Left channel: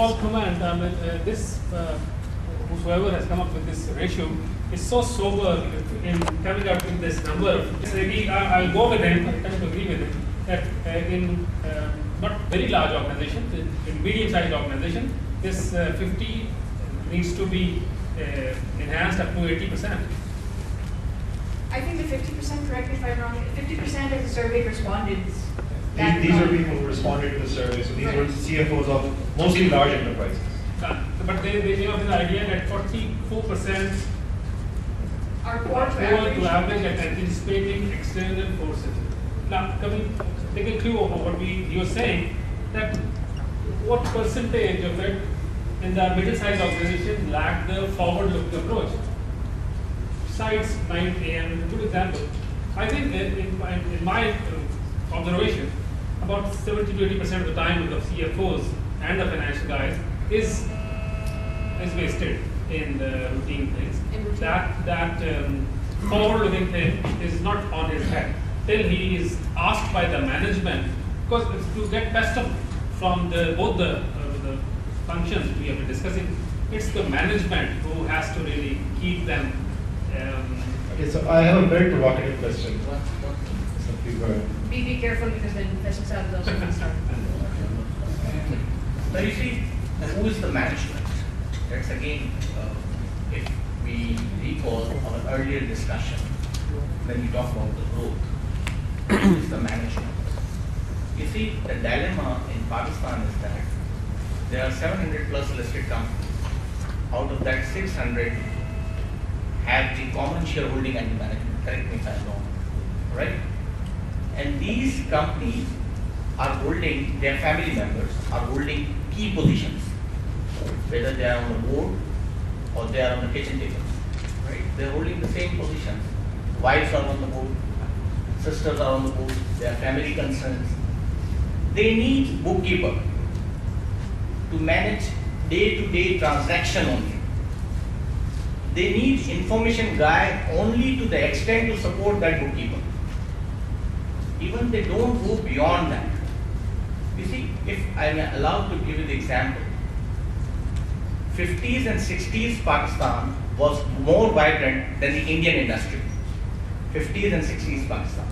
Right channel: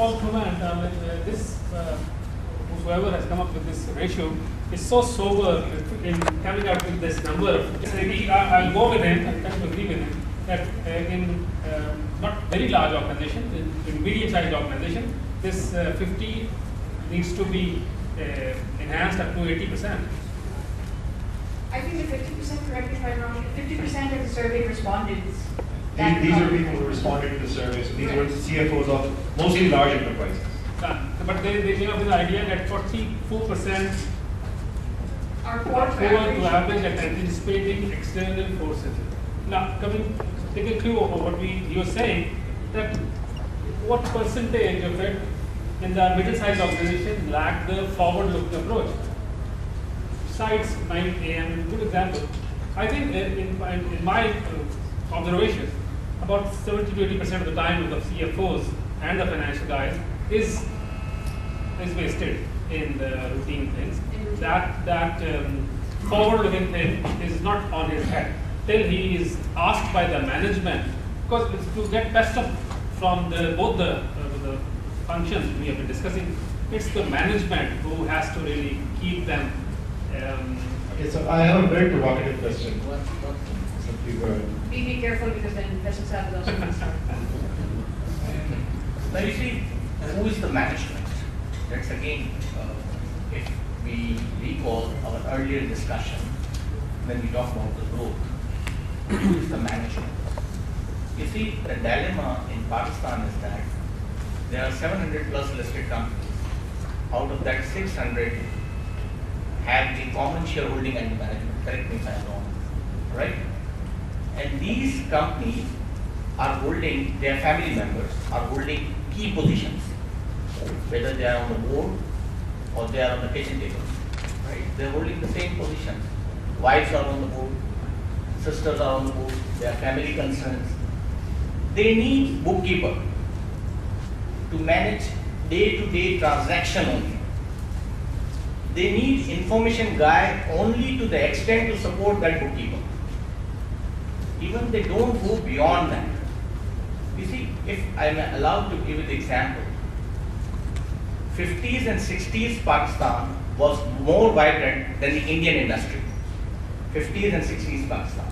small comment. I mean, whoever has come up with this ratio is so sober in coming out with this number. I'll go with him. I tend to agree with him that in not very large organizations, in medium-sized organizations, this 50 needs to be enhanced up to 80%. I think the 50%, correct me if I'm wrong, 50% of the survey respondents. These are people who responded to the survey, so these were the CFOs of mostly large enterprises. But they came up with the idea that 44% Are poor to to average. average at anticipating external forces. Now, take a clue of what you were saying, that what percentage of it in the middle-sized organization lack the forward-looking approach? Besides 9 AM is a good example. I think in my observation, about 70 to 80% of the time with the CFOs and the financial guys is wasted in the routine things. That forward-looking thing is not on his head till he is asked by the management, because it's to get best of from both the functions we have been discussing. It's the management who has to really keep them. Okay, so I have a very provocative question. Be careful because then Professor Saab is also going to start. Now you see, who is the management? That's again, if we recall our earlier discussion, when we talk about the growth, who is the management? You see, the dilemma in Pakistan is that there are 700 plus listed companies. Out of that, 600 have the common shareholding and the management. Correct me if I'm wrong, right? And these companies are holding, their family members are holding key positions, whether they are on the board or they are on the kitchen table, right? They're holding the same positions. Wives are on the board, sisters are on the board, they are family concerns. They need bookkeeper to manage day-to-day transaction only. They need information guy only to the extent to support that bookkeeper. Even they don't go beyond that. You see, if I'm allowed to give you the example, 50s and 60s Pakistan was more vibrant than the Indian industry. 50s and 60s Pakistan.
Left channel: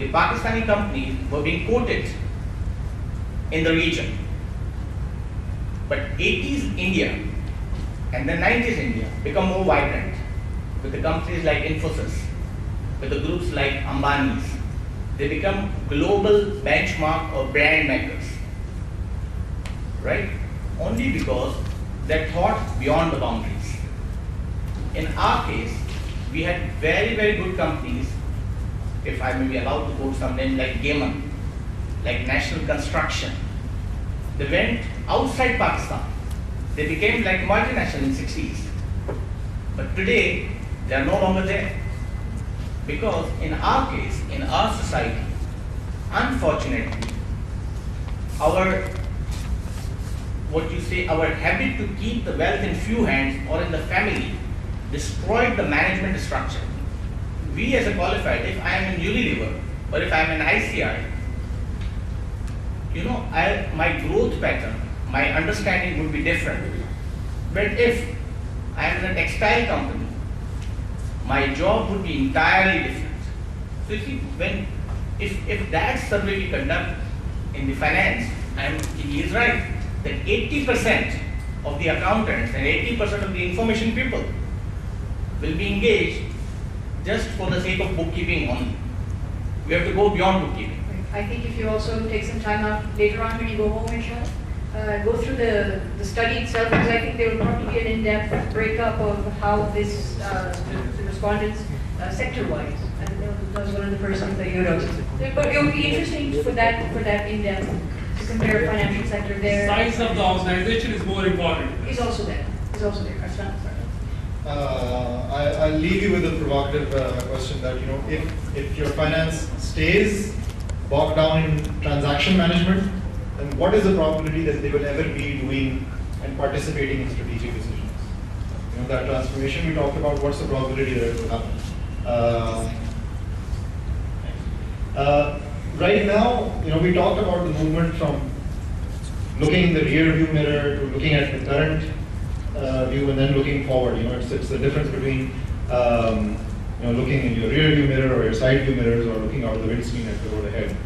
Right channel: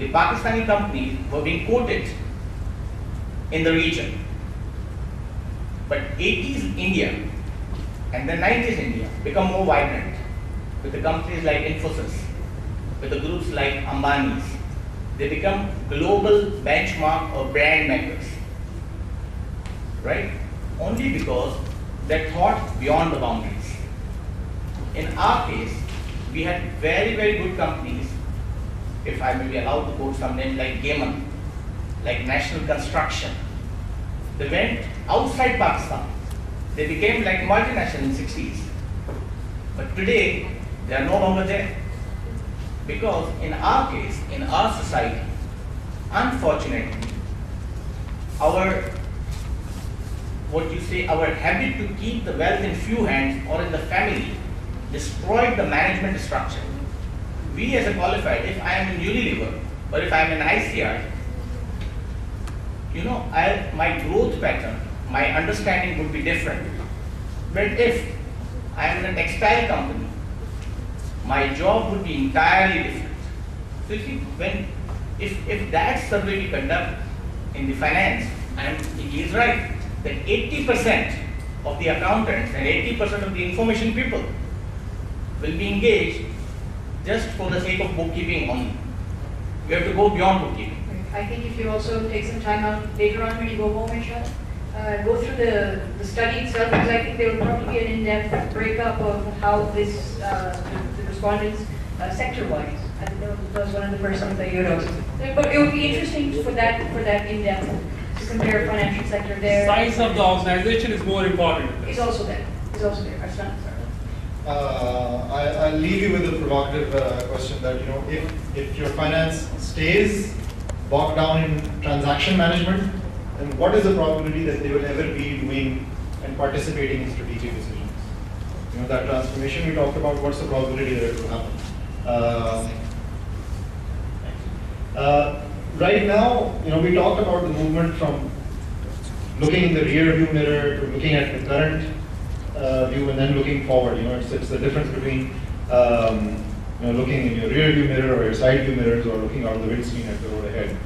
The Pakistani companies were being quoted in the region. But 80s India and the 90s India become more vibrant with the companies like Infosys, with the groups like Ambani's. They become global benchmark or brand makers, right? Only because they thought beyond the boundaries. In our case, we had very, very good companies, if I may be allowed to quote some names like Gaiman, like National Construction. They went outside Pakistan. They became like multinational in 60s. But today, they are no longer there. Because in our case, in our society, unfortunately, our habit to keep the wealth in few hands or in the family destroyed the management structure. We as a qualified, if I am in Unilever or if I am in ICI, my growth pattern, my understanding would be different. But if I am in a textile company, my job would be entirely different. So you see, if that survey we conduct in the finance, he is right that 80% of the accountants and 80% of the information people will be engaged just for the sake of bookkeeping only. We have to go beyond bookkeeping. I think if you also take some time out later on when you go home, inshallah, go through the study itself, because I think there will probably be an in-depth breakup of how this, the respondents, sector-wise. I think that was one of the first things that you wrote. But it would be interesting for that in-depth to compare financial sector there. Size of the organization is more important. It's also there. It's also there. Arslan, sorry. I'll leave you with a provocative question that, if your finance stays bogged down in transaction management, then what is the probability that they will ever be doing and participating in strategic decisions? That transformation we talked about, what's the probability that it will happen? Right now, we talked about the movement from looking in the rear view mirror to looking at the current view and then looking forward. It's the difference between looking in your rear view mirror or your side view mirrors or looking out of the windscreen at the road ahead.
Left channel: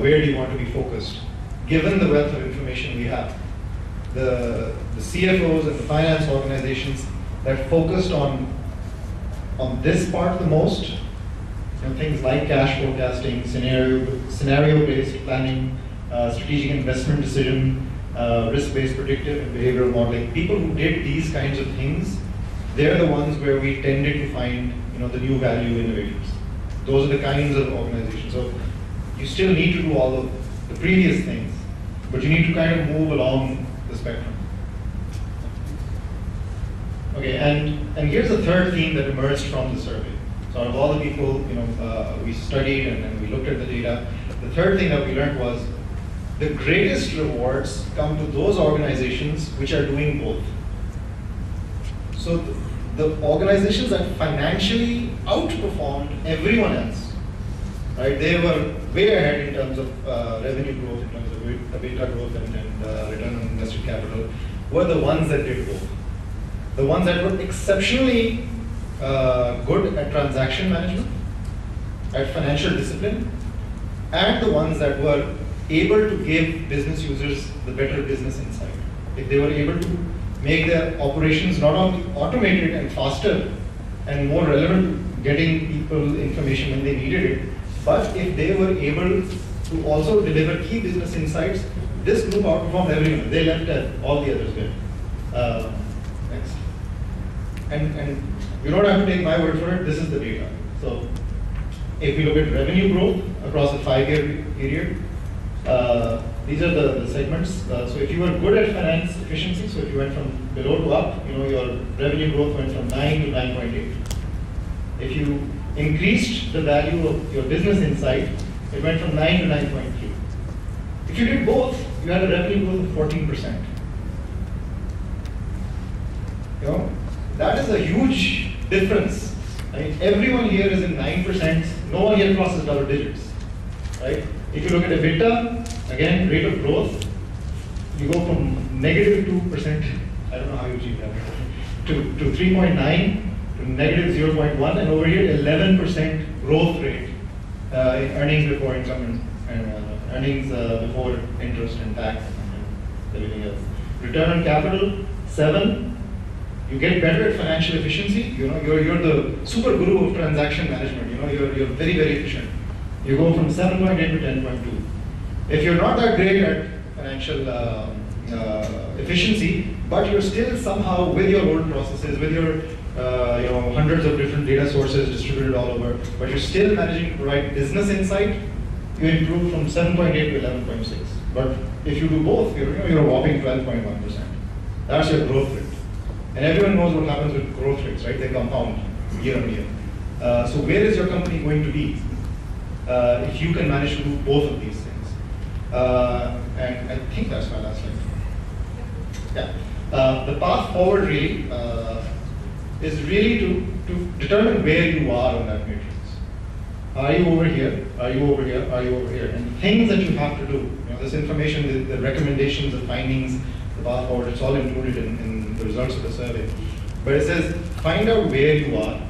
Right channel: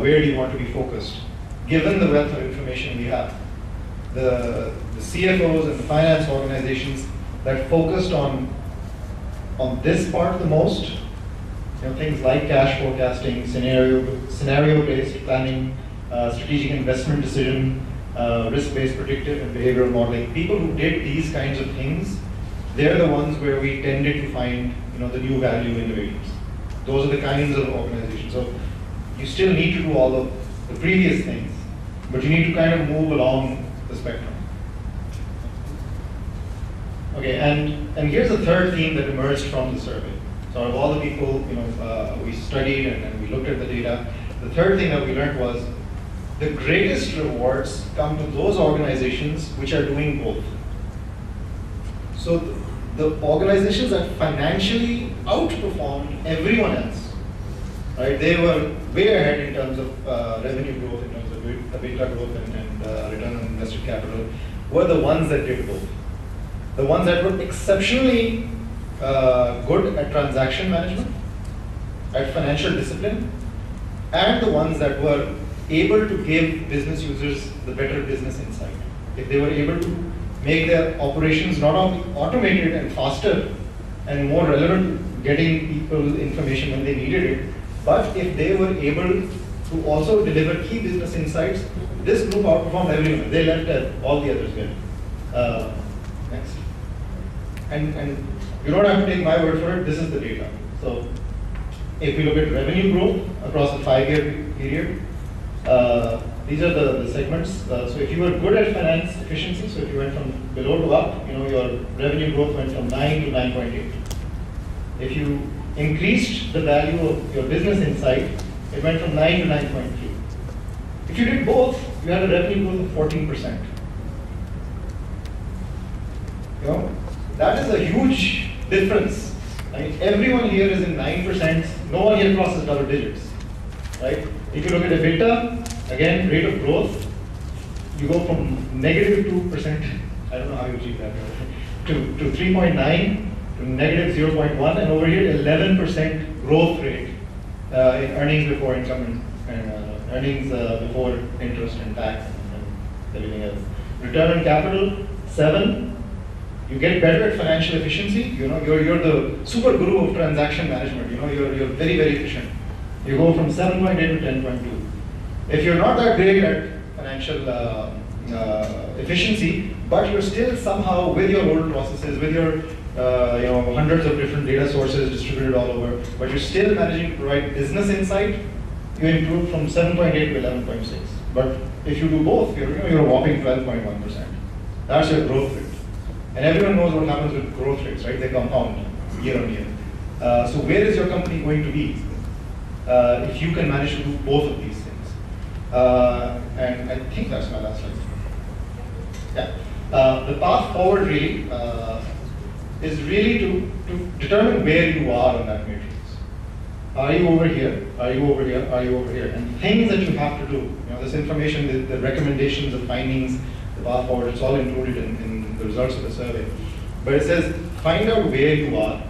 Where do you want to be focused? Given the wealth of information we have, the CFOs and the finance organizations that focused on this part the most, things like cash forecasting, scenario-based planning, strategic investment decision, risk-based predictive and behavioral modeling. People who did these kinds of things, they're the ones where we tended to find the new value innovators. Those are the kinds of organizations. So you still need to do all of the previous things, but you need to kind of move along the spectrum. Okay, and here's the third theme that emerged from the survey. So out of all the people we studied and we looked at the data, the third thing that we learned was the greatest rewards come to those organizations which are doing both. So the organizations that financially outperformed everyone else, right? They were way ahead in terms of revenue growth, in terms of EBITDA growth and return on invested capital, were the ones that did both. The ones that were exceptionally good at transaction management, at financial discipline, and the ones that were able to give business users the better business insight. If they were able to make their operations not only automated and faster and more relevant to getting people information when they needed it, but if they were able to also deliver key business insights, this group outperformed everyone. They left all the others behind. Next. And you don't have to take my word for it, this is the data. So if we look at revenue growth across a 5-year period, these are the segments. So if you were good at finance efficiency, so if you went from below to up, your revenue growth went from 9 to 9.8. If you increased the value of your business insight, it went from 9 to 9.3. If you did both, you had a revenue growth of 14%. That is a huge difference. I mean, everyone here is in 9%. No one here crosses double digits, right? If you look at EBITDA, again, rate of growth, you go from negative 2%, I don't know how you achieve that, to 3.9, to negative 0.1, and over here 11% growth rate in earnings before income and earnings before interest and tax and everything else. Return on capital, 7. You get better at financial efficiency. You're the super guru of transaction management. You're very, very efficient. You go from 7.8 to 10.2. If you're not that great at financial efficiency, but you're still somehow with your old processes, with your hundreds of different data sources distributed all over, but you're still managing to provide business insight, you improve from 7.8 to 11.6. But if you do both, you're a whopping 12.1%. That's your growth rate. And everyone knows what happens with growth rates, right? They compound year on year. So where is your company going to be if you can manage to do both of these things? And I think that's my last slide. Yeah. The path forward really is really to determine where you are on that matrix. Are you over here? Are you over here? Are you over here? And things that you have to do, this information, the recommendations, the findings, the path forward, it's all included in the results of the survey. But it says, find out where you are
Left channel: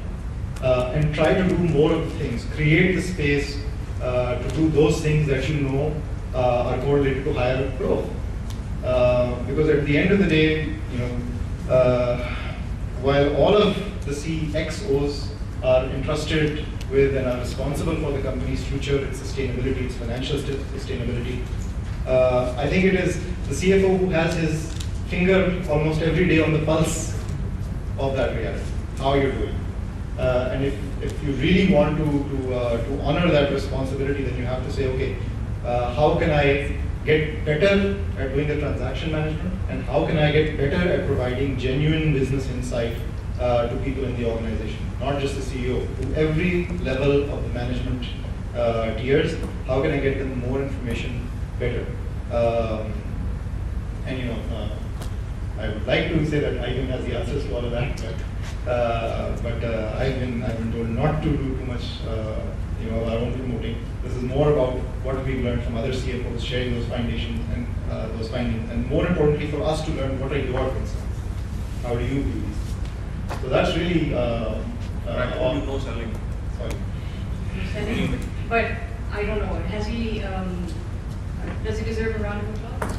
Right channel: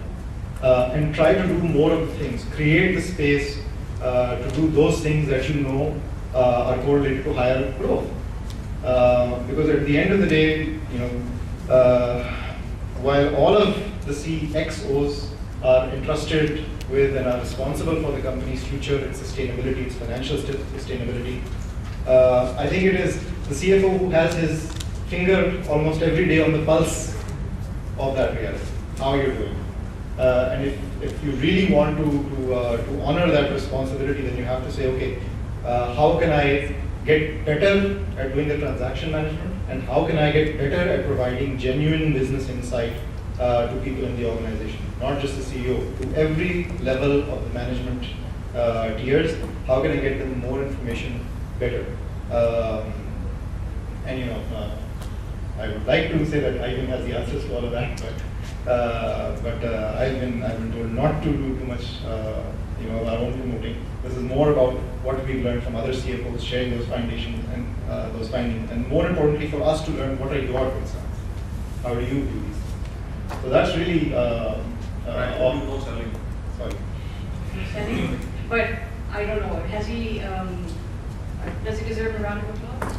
and try to do more of the things. Create the space to do those things that are correlated to higher growth. Because at the end of the day, while all of the CXOs are entrusted with and are responsible for the company's future, its sustainability, its financial sustainability, I think it is the CFO who has his finger almost every day on the pulse of that reality, how you're doing. And if you really want to honor that responsibility, then you have to say, okay, how can I get better at doing the transaction management, and how can I get better at providing genuine business insight to people in the organization, not just the CEO, to every level of the management tiers. How can I get them more information better? I would like to say that IBM has the answers to all of that, but I've been told not to do too much our own promoting. This is more about what we've learned from other CFOs, sharing those foundations and those findings, and more importantly for us to learn what are your concerns. How do you view these? So that's really all. No selling. Sorry. Selling. But I don't know. Has he? Does he deserve a round of applause?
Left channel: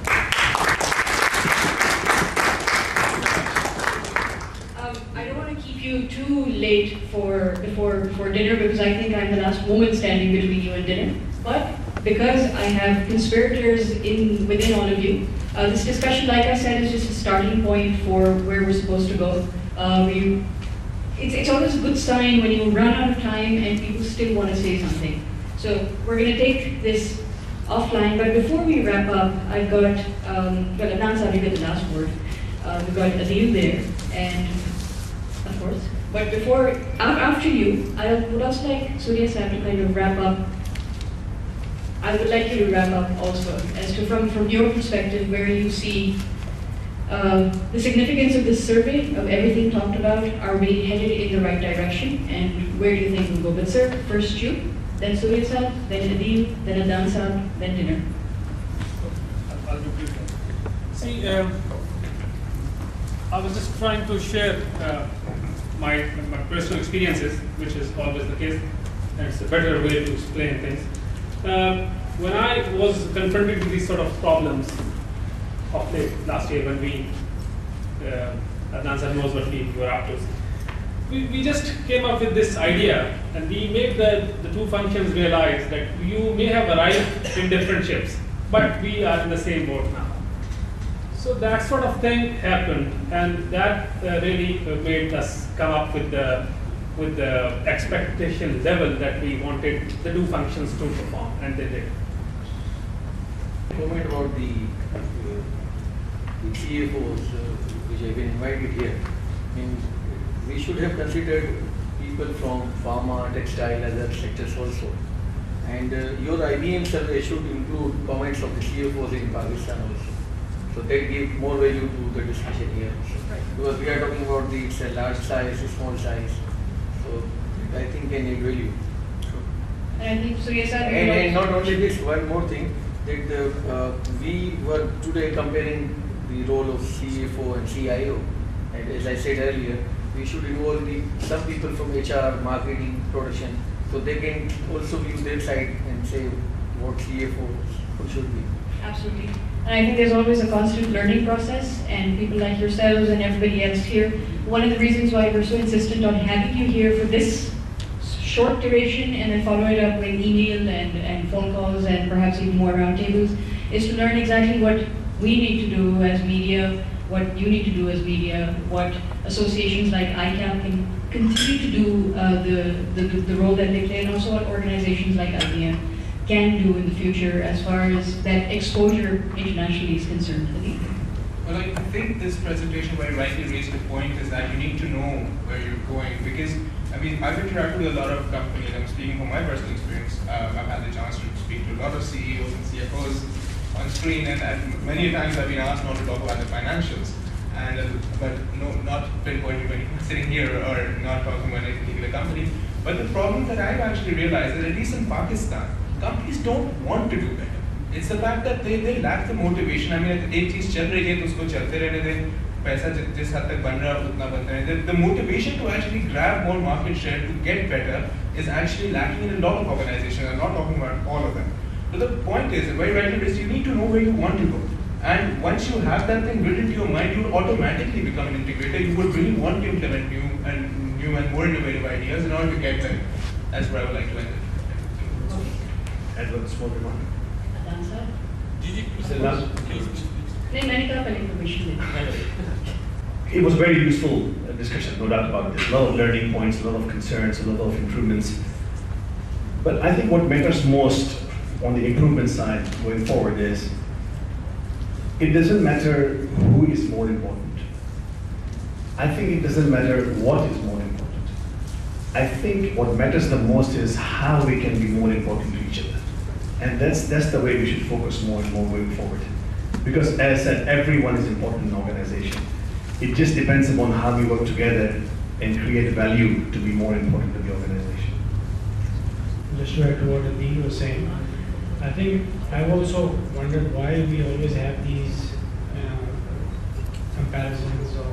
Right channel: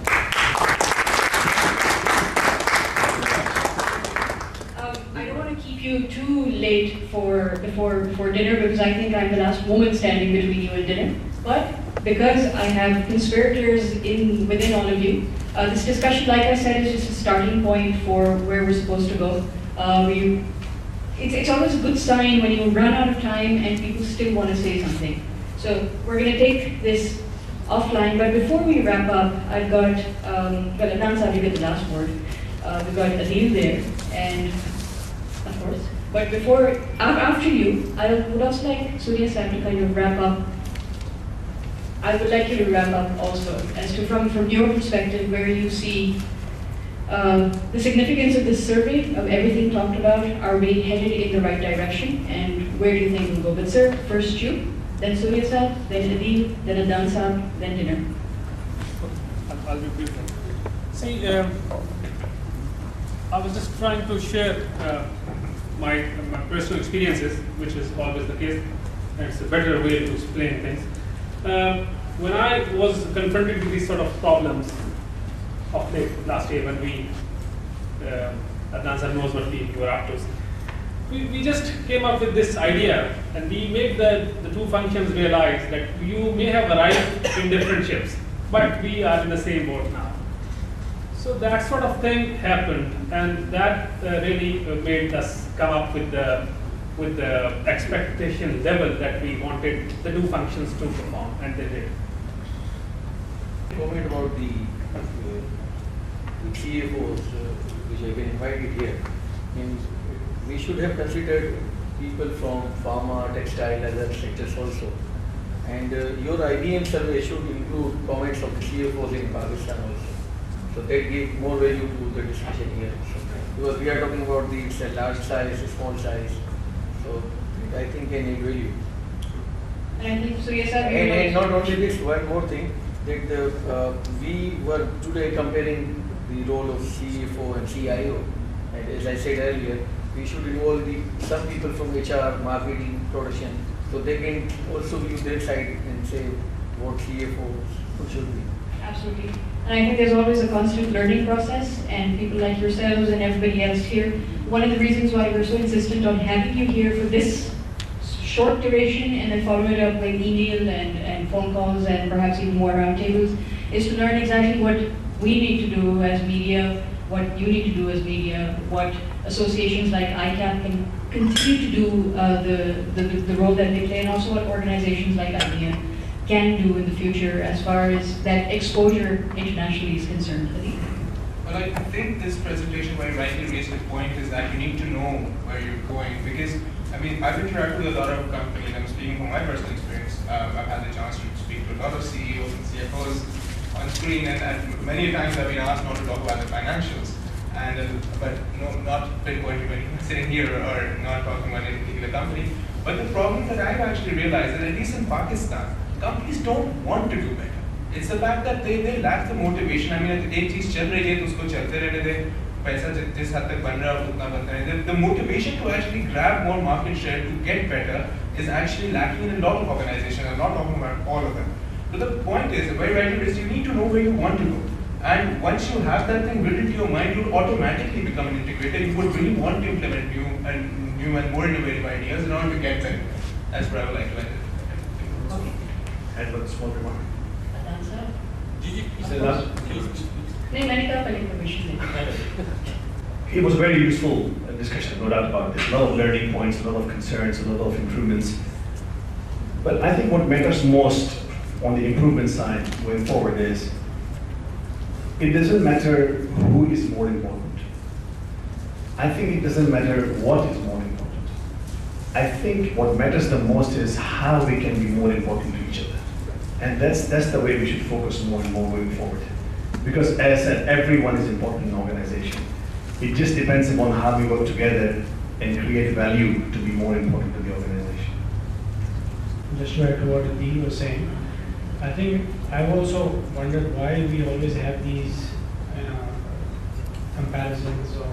I don't want to keep you too late before dinner because I think I'm the last woman standing between you and dinner. But because I have conspirators within all of you, this discussion, like I said, is just a starting point for where we're supposed to go. It's always a good sign when you run out of time and people still want to say something. So we're going to take this offline, but before we wrap up, I've got, Adnan Saab, you get the last word. We've got Adil there, and of course. But after you, I would also like Surya Saab to kind of wrap up. I would like you to wrap up also, as to from your perspective, where you see the significance of this survey, of everything talked about. Are we headed in the right direction, and where do you think we'll go? But sir, first you, then Surya Saab, then Adil, then Adnan Saab, then dinner. I'll be brief. See, I was just trying to share my personal experiences, which is always the case, and it's a better way to explain things. When I was confronted with these sort of problems of late last year, when we, Adnan sir knows what we were up to, we just came up with this idea, and we made the two functions realize that you may have arrived in different ships, but we are in the same boat now. So that sort of thing happened, and that really made us come up with the expectation level that we wanted the two functions to perform, and they did. Comment about the CFOs which have been invited here. I mean, we should have considered people from pharma, textile, other sectors also. And your IBM survey should include comments of the CFOs in Pakistan also. So that give more value to the discussion here. Because we are talking about the large size, small size. So I think can add value. And I think Surya Saab, And not only this, one more thing, that we were today comparing the role of CFO and CIO. And as I said earlier, we should involve some people from HR, marketing, production, so they can also view their side and say what CFO should be. absolutely. And I think there's always a constant learning process, and people like yourselves and everybody else here, one of the reasons why we're so insistent on having you here for this short duration and then follow it up with email and phone calls and perhaps even more roundtables, is to learn exactly what we need to do as media, what you need to do as media, what associations like ICAP can continue to do the role that they play, and also what organizations like IBM can do in the future as far as that exposure internationally is concerned. Well, I think this presentation very rightly raised the point is that you need to know where you're going, because I mean, I've interacted with a lot of companies. I'm speaking from my personal experience. I've had the chance to speak to a lot of CEOs and CFOs on screen, and many times I've been asked not to talk about the financials, but not pinpointing anyone sitting here or not talking about any particular company. But the problem that I've actually realized that at least in Pakistan, companies don't want to do better. It's the fact that they lack the motivation. I mean, एक चीज चल रही है तो उसको चलते रहने दें. पैसा जिस हद तक बन रहा है उतना बनता है. The motivation to actually grab more market share to get better is actually lacking in a lot of organizations. I'm not talking about all of them. But the point is, very rightly raised, you need to know where you want to go. And once you have that thing built into your mind, you will automatically become an integrator. You would really want to implement new and more innovative ideas in order to get there. That's where I would like to end it. Add one small remark. Adnan sir? Please. नहीं, मैंने कहा पहले permission they. It was a very useful discussion, no doubt about it. A lot of learning points, a lot of concerns, a lot of improvements. But I think what matters most on the improvement side going forward is, it doesn't matter who is more important. I think it doesn't matter what is more important. I think what matters the most is how we can be more important to each other. And that's the way we should focus more and more going forward. Because as I said, everyone is important in an organization. It just depends upon how we work together and create value to be more important to the organization. just to add to what Adi was saying, I think I've also wondered why we always have these comparisons of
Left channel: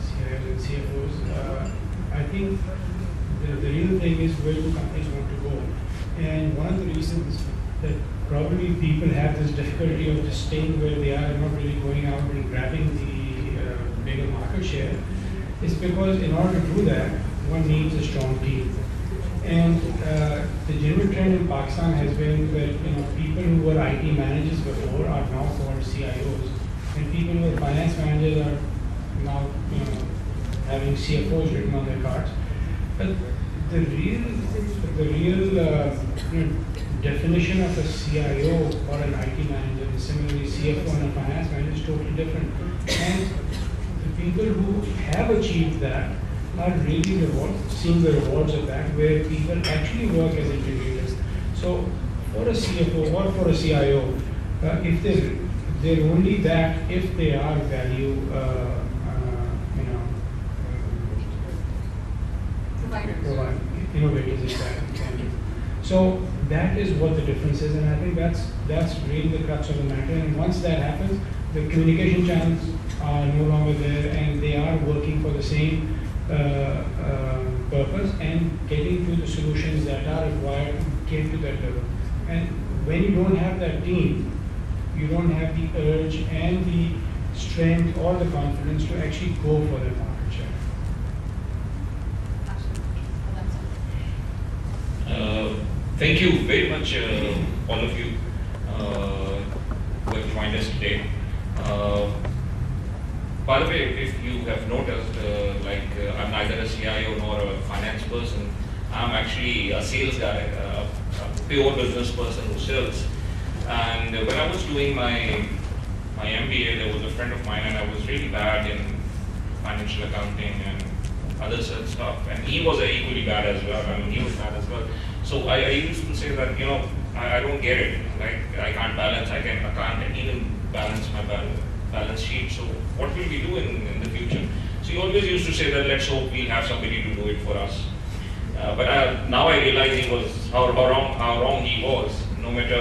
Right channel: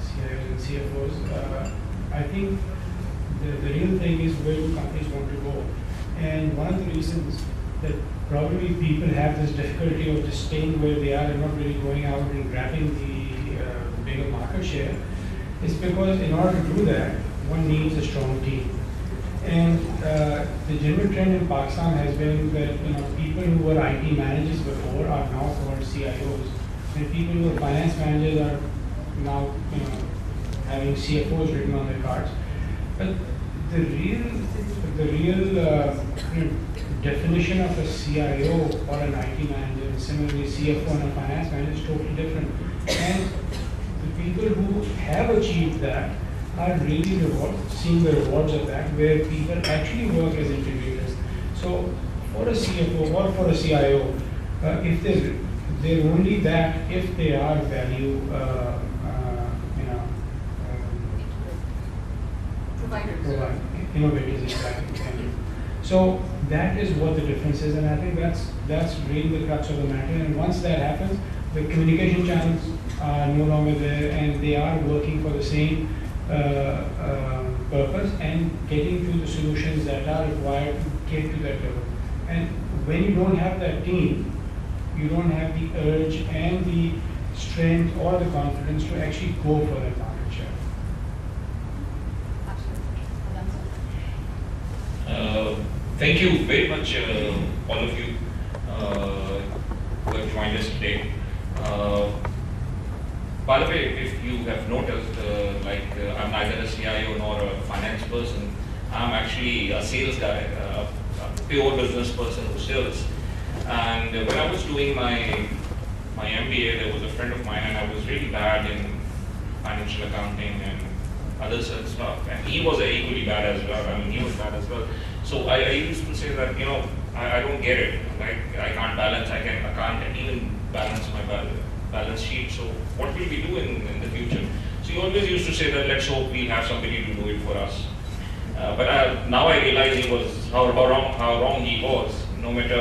CIOs and CFOs. I think the real thing is where do companies want to go. And one of the reasons that probably people have this difficulty of just staying where they are and not really going out and grabbing the bigger market share is because in order to do that, one needs a strong team. And the general trend in Pakistan has been that people who were IT managers before are now called CIOs, and people who were finance managers are now having CFOs written on their cards. But the real definition of a CIO or an IT manager, and similarly CFO and a finance manager is totally different. And the people who have achieved that are really seeing the rewards of that, where people actually work as integrators. So for a CFO or for a CIO, if they're only that if they are value, provide innovators, exactly. Thank you. So that is what the difference is, and I think that's really the crux of the matter. And once that happens, the communication channels are no longer there, and they are working for the same purpose and getting to the solutions that are required to get to that level. And when you don't have that team, you don't have the urge and the strength or the confidence to actually go for that market share. Thank you very much, all of you who have joined us today. By the way, if you have noticed, I'm neither a CIO nor a finance person. I'm actually a sales guy, a pure business person who sells. And when I was doing my MBA, there was a friend of mine, and I was really bad in financial accounting and other such stuff. And he was equally bad as well. I mean, he was bad as well. So I used to say that, I don't get it. Like, I can't balance. I can't even balance my balance sheet. So what will we do in the future? So he always used to say that let's hope we'll have somebody to do it for us. But now I realize he was how wrong he was. No matter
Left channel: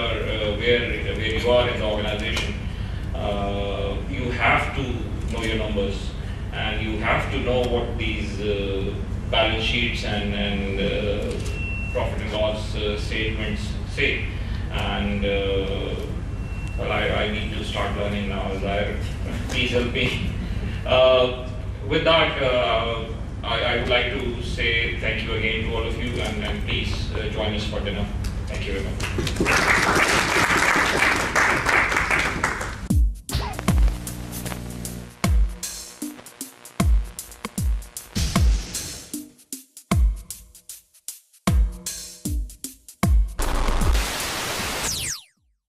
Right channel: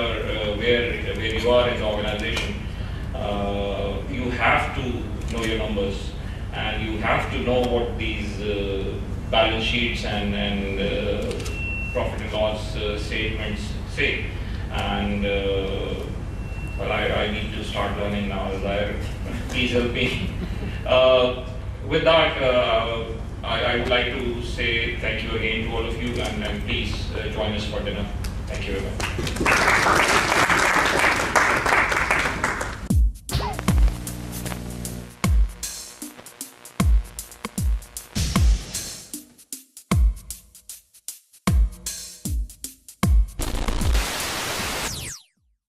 where you are in the organization, you have to know your numbers, and you have to know what these balance sheets and profit and loss statements say. And well, I need to start learning now. Please help me. With that, I would like to say thank you again to all of you, and please join us for dinner. Thank you very much.